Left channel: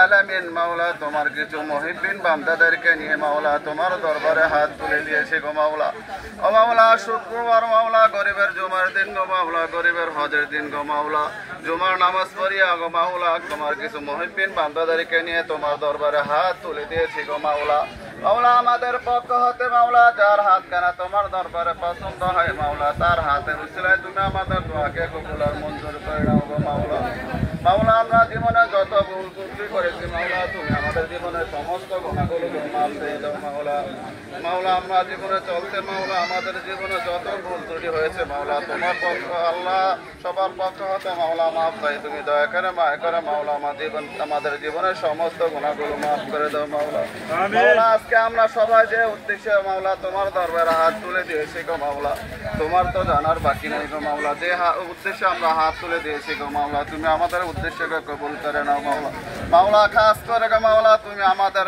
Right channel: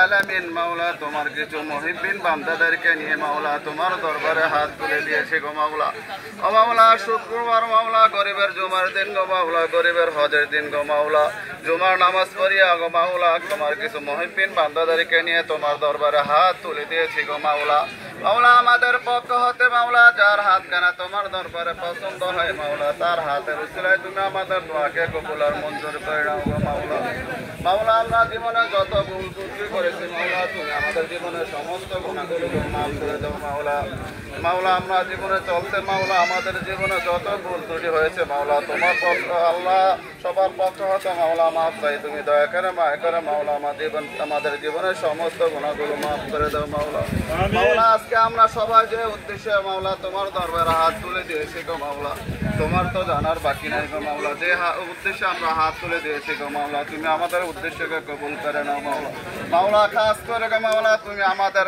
আলামিন মাওলা তোমার কিছু মুহিব্বিন বান্দাদেরকে নিয়ে মাওলা তোমার দরবারে হাত তুলে দিয়েছি গো মাওলা। ও মাওলা শুক্রবার মাওলা গরিবের জুমার দিন গো মাওলা, গরিবের হজের দিন গো মাওলা, জুমার নামাজ পড়িয়া গো মাওলা তোমার কিছু মুহিব্বিন বান্দাদেরকে নিয়ে তোমার দরবারে হাত তুলে দিয়েছি গো মাওলা। মাওলা আমাদের পক্ষ হতে মাওলা যার হাত কানা তোমার দরবারে পছন্দ হয় মাওলা, তার হাতের উসিলায় তুমি আমাদের দোয়াকে কবুল আর মঞ্জুর করে নাও গো মাওলা। মাওলা আমরা জীবনে যত ভুল ত্রুটি করেছি মাওলা তুমি আমাদের জীবনের সমস্ত গুণাগুলো মাফ করে দাও মাওলা। মাওলা আমরা জীবনে চলতে মাওলা আমাদের জীবনে যত ভুল ত্রুটি হয়েছে মাওলা তোমার পক্ষ আল্লাহ সবার পক্ষ হতে মাওলা মাফ চাই, তুমি দয়া করে মায়া করে মাওলা আমাদের জীবনের সমস্ত গুণাগুলো মাফ করে দাও মাওলা। মাওলা আজকে আমরা সবাই যে উদ্দেশ্যে মাওলা তোমার দরবারে হাত তুলে দিয়েছি গো মাওলা, তোমার তো জানার বাকি নাই গো মাওলা। যে উদ্দেশ্যে আমরা হাত তুলে দিয়েছি গো মাওলা তুমি আমাদের উদ্দেশ্যকে কবুল করে নাও মাওলা। মাওলা খাস করে গো মাওলা তুমি আমাদের